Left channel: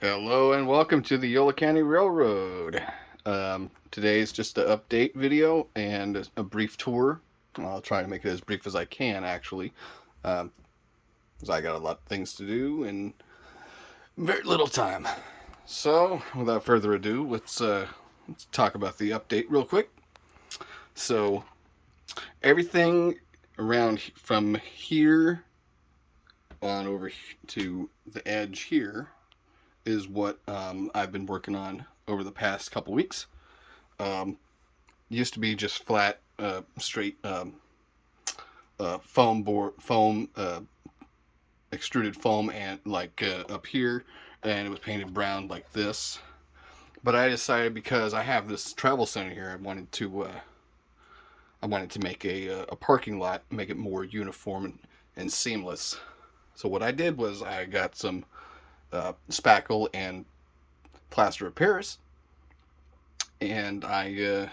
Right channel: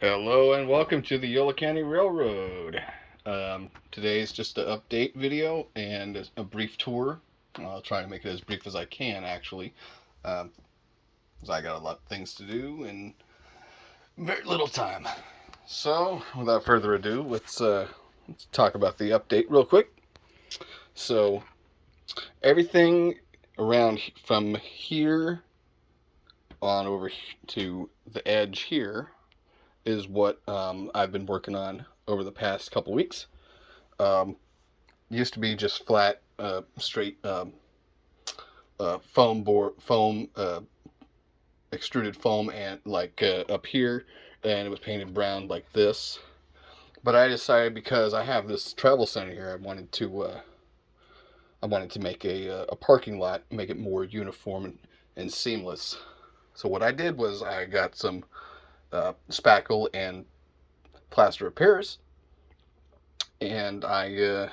Hello and welcome to the Yolo County Railroad. Today's just an update video and a brief tour. I'll try to make it as brief as I can, actually, because I got a lot of things to do and very little time. So, without further ado, let's talk about the update real quick. So, everything around from here on over to the edge here is what I've been working on over the past couple weeks. Um, Used to be just flat, straight foam, extruded foam, and like up here, and it was painted brown like this. But I decided because I have this travel center here, I wanted to make a parking lot, make it more uniform and seamless. So what I did was I got some spackle and plaster of Paris, and I've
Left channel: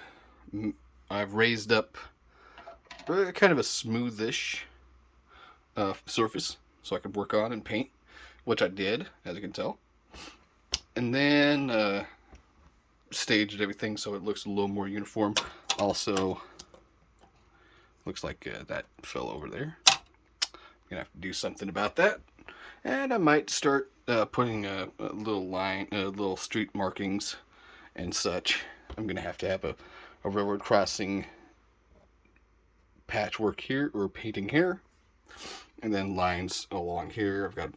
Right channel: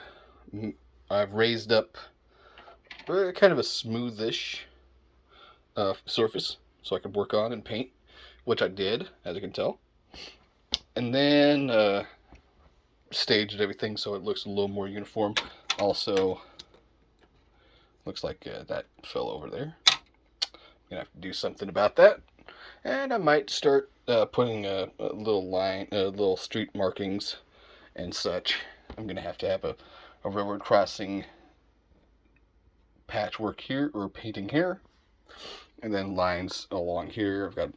raised up kind of a smoothish surface so I could work on and paint, which I did, as you can tell. And then staged everything so it looks a little more uniform. Also, looks like that fell over there. Gonna have to do something about that. And I might start putting a little line, little street markings and such. I'm gonna have to have a railroad crossing patchwork here or painting here, and then lines along here. I've got.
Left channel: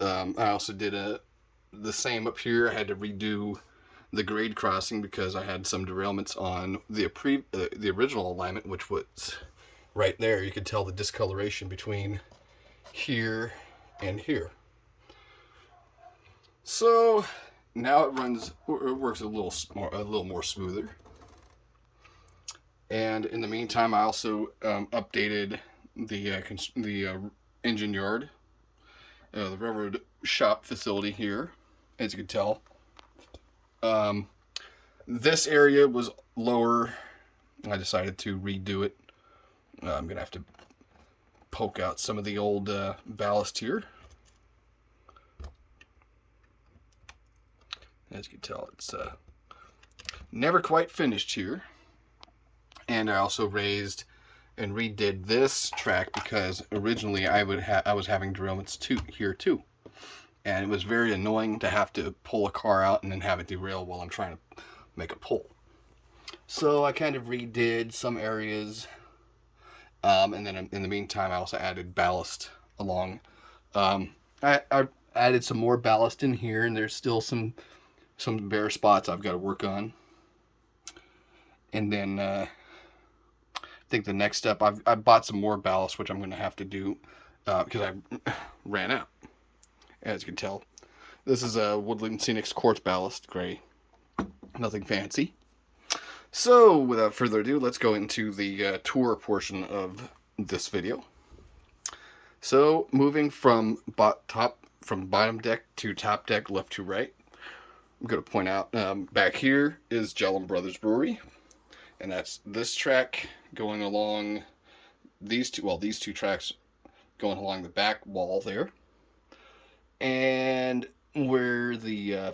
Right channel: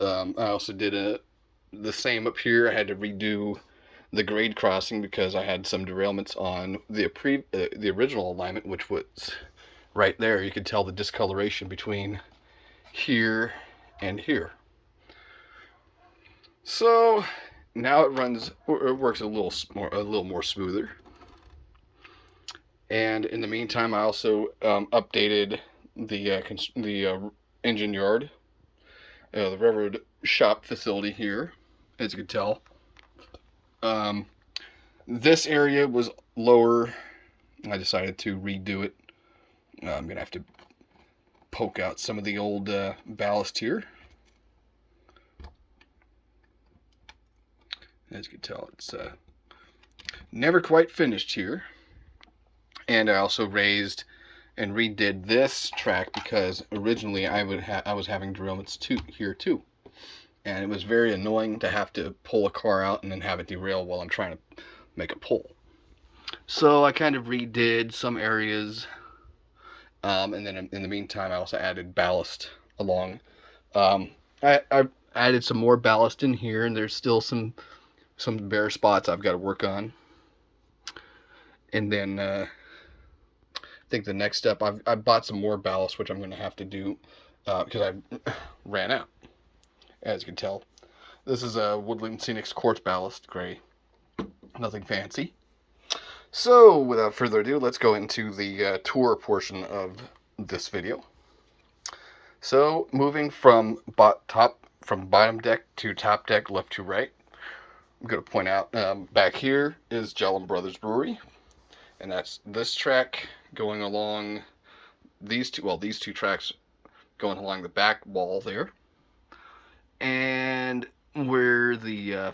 I also did the same up here. I had to redo the grade crossing because I had some derailments on the original alignment, which was right there. You could tell the discoloration between here and here. So now it works a little more smoother. And in the meantime, I also updated the engine yard, the railroad shop facility here, as you can tell. Um, this area was lower. I decided to redo it. I'm gonna have to poke out some of the old ballast here. As you can tell, it's never quite finished here. And I also raised and redid this track because originally I was having derailments here too, and it was very annoying to have to pull a car out and then have it derail while I'm trying to make a pull. So I kind of redid some areas, and then in the meantime I also added ballast along. I added some more ballast in here, and there's still some bare spots I've got to work on. And then I think the next step, I bought some more ballast, which I'm going to have to do because I ran out. As you can tell, this is a Woodland Scenics quartz ballast gray, nothing fancy. So without further ado, let's go into the tour portion of this video. So moving from bottom deck to top deck, left to right, I'm going to point out back here is Jellum Brothers Brewery, and that's this track going along these two tracks going along the back wall there, and where the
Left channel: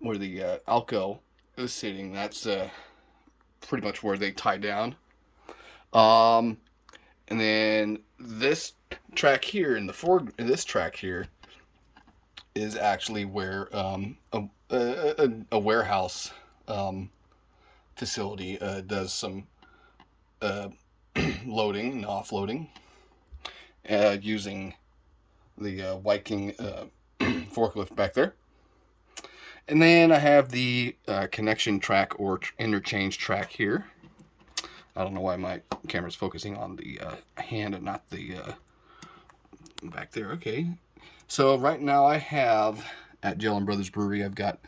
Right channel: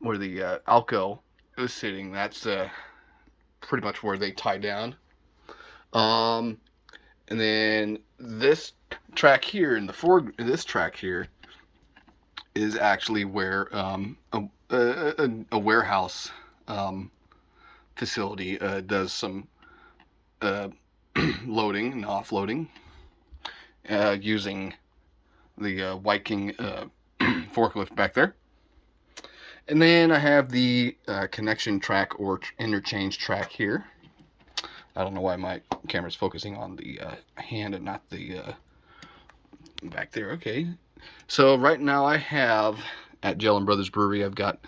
Alco is sitting, that's pretty much where they tie down. And then this track here this track here is actually where a warehouse facility does some loading and offloading using the Viking forklift back there. And then I have the connection track or interchange track here. I don't know why my camera's focusing on the hand and not the back there. Okay. So right now I have at Jellum Brothers Brewery, I've got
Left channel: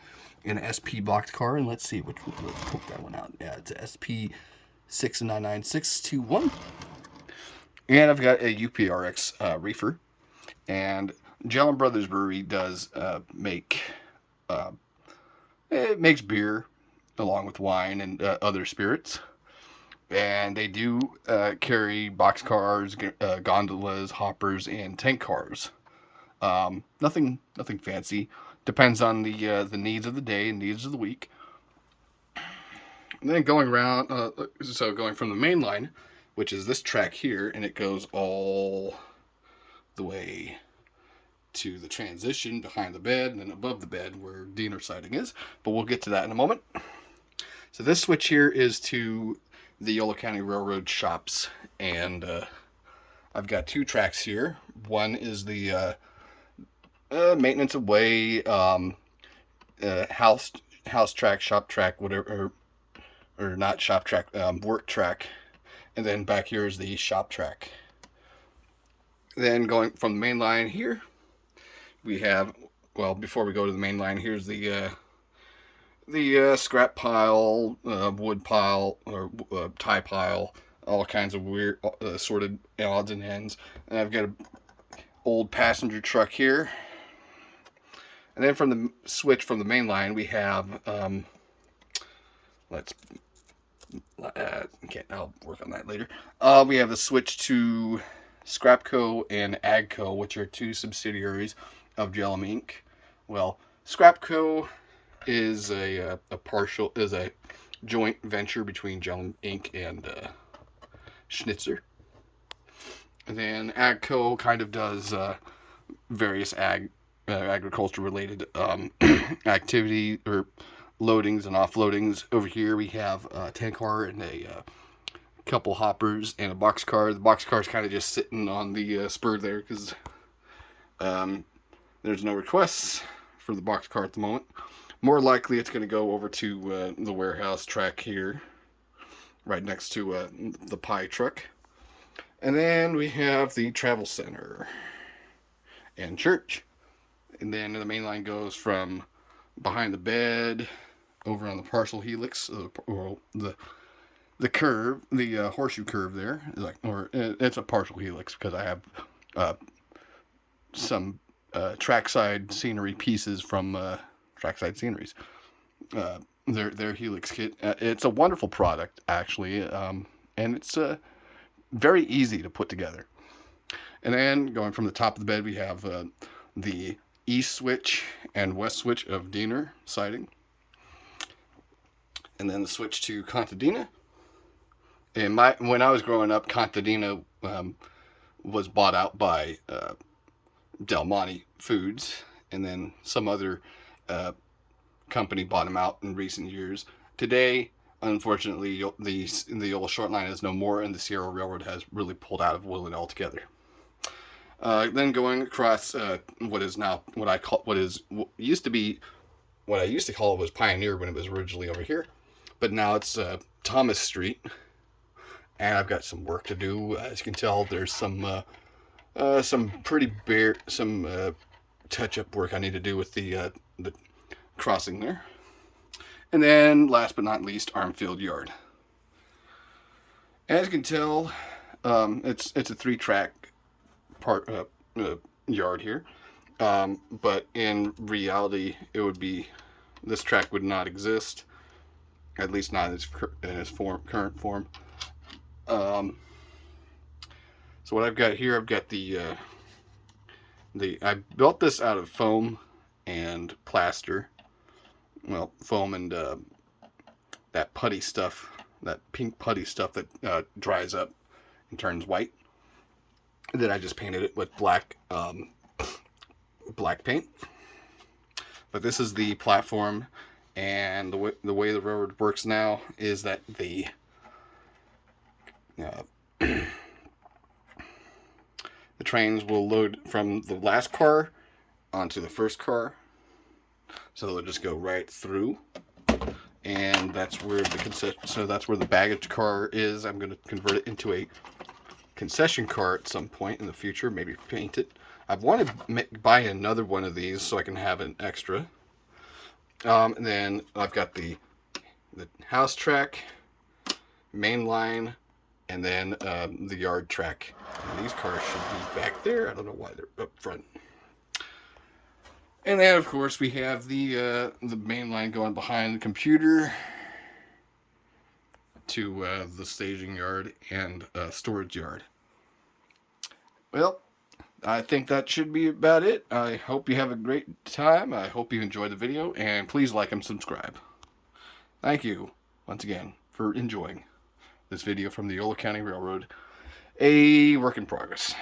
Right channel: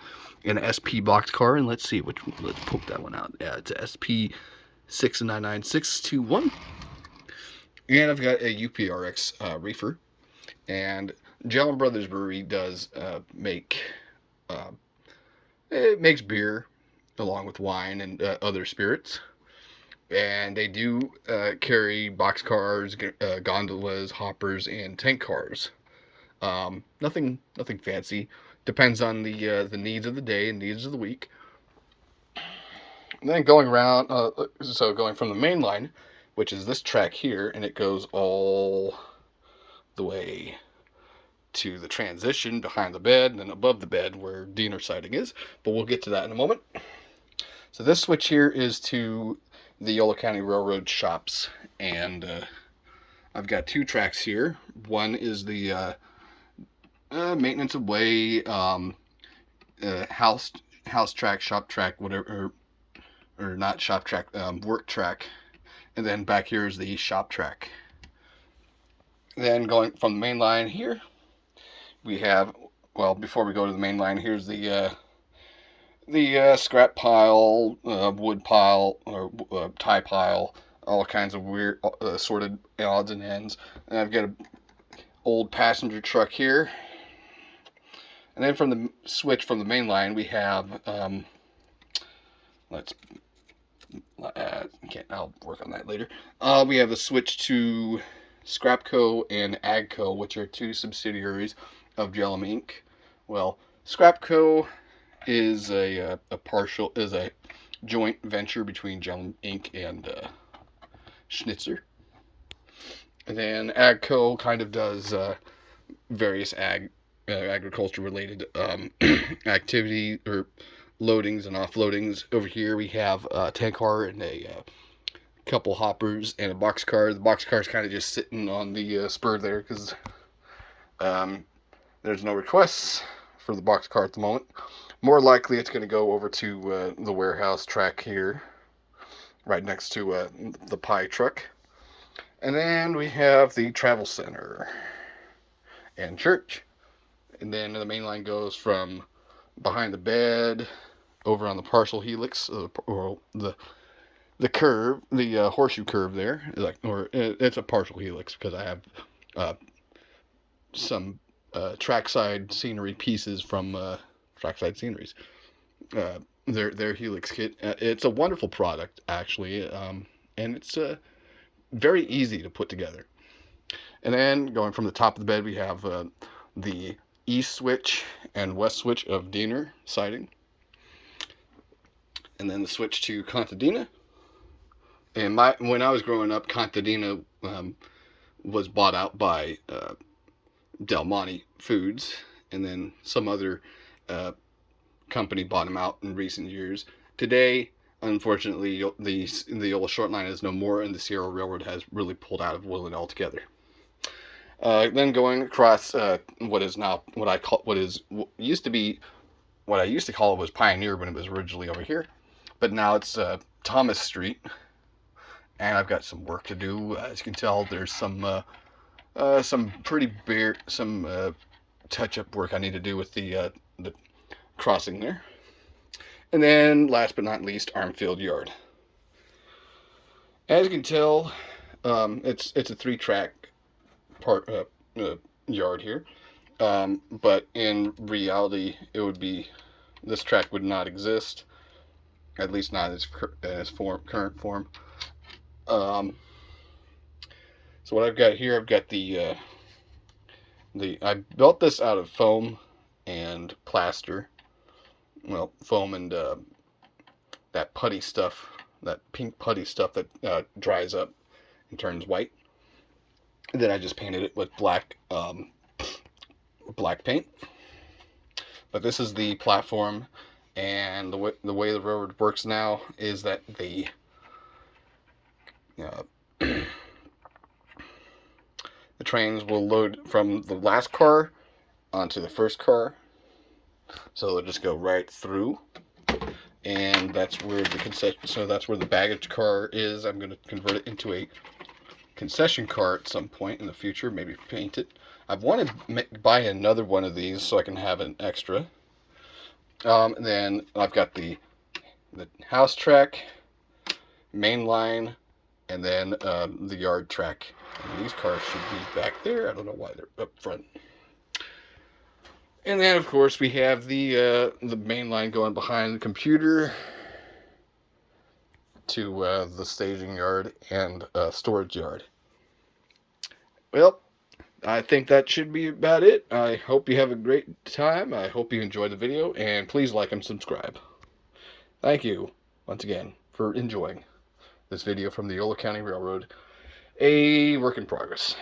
an SP box car, and let's see which one. Let's poke that one out. Yeah, it's a SP 699621. And I've got a UPRX reefer. And Jellum Brothers Brewery does it makes beer along with wine and other spirits. And they do carry box cars, gondolas, hoppers, and tank cars. Nothing fancy. Depends on the needs of the day and needs of the week. And then going around, so going from the main line, which is this track here, and it goes all the way to the transition behind the bed and then above the bed where Diener siding is. But we'll get to that in a moment. So this switch here is to the Yolo County Railroad shops, and I've got two tracks here. One is the maintenance away, house track, shop track, whatever, or not shop track, work track, and then back here is the shop track. Then going from the main line here, we have, well, before we go to the main line, here's the scrap pile, wood pile, or tie pile, all kinds of weird assorted odds and ends. And I've got an old passenger truck here. And then from the switch from the main line, we have, I'll work on that later. We have the switch to Scrapco and Agco, which are two subsidiaries of Jellum Inc. Well, Scrapco is a joint venture between Jellum Inc. and Schnitzer. And then Agco kind of does various agriculture related activity or loadings and offloadings. Over here we have a tank car and a couple hoppers and a box car. The box car is kind of just sitting on the spur there because there's no requests for the box car at the moment. More likely it's going to go over to the warehouse track here, right next to the pie truck. And then we have the travel center and church. And then the main line goes from behind the bed over on the partial helix, or the curve, the horseshoe curve there. It's a partial helix because I have some trackside scenery pieces from Trackside Sceneries. Their helix kit. It's a wonderful product, actually, and it's very easy to put together. And then going from the top of the bed, we have the east switch and west switch of Diener siding. And then the switch to Contadina. And when I was growing up, Contadina was bought out by Del Monte Foods, and then some other company bought them out in recent years. Today, unfortunately, the Yolo Short Line is no more, and the Sierra Railroad has really pulled out of Woodland altogether. Then going across what used to be what I used to call it was Pioneer when it was originally over here, but now it's Thomas Street, and I've got some work to do. As you can tell, there's some touch-up work I need to do with the crossing there. And then, last but not least, Armfield Yard. As you can tell, it's a 3-track yard here, but in reality, this track would not exist, at least not in its current form. So what I've got here, I've got I built this out of foam and plaster. Well, foam and that putty stuff, that pink putty stuff that dries up and turns white. And then I just painted it with black paint. But this is the platform, and the way the railroad works now is that the trains will load from the last car onto the first car. So they'll just go right through, and that's where that's where the baggage car is. I'm going to convert it into a concession car at some point in the future, maybe paint it. I've wanted to buy another one of these so I can have an extra. And then I've got the house track, main line, and then the yard track. And these cars should be back there. I don't know why they're up front. And then, of course, we have the main line going behind the computer to the staging yard and storage yard. Well, I think that should be about it. I hope you have a great time. I hope you enjoyed the video, and please like and subscribe. Thank you once again for enjoying this video from the Yolo County Railroad, a work in progress.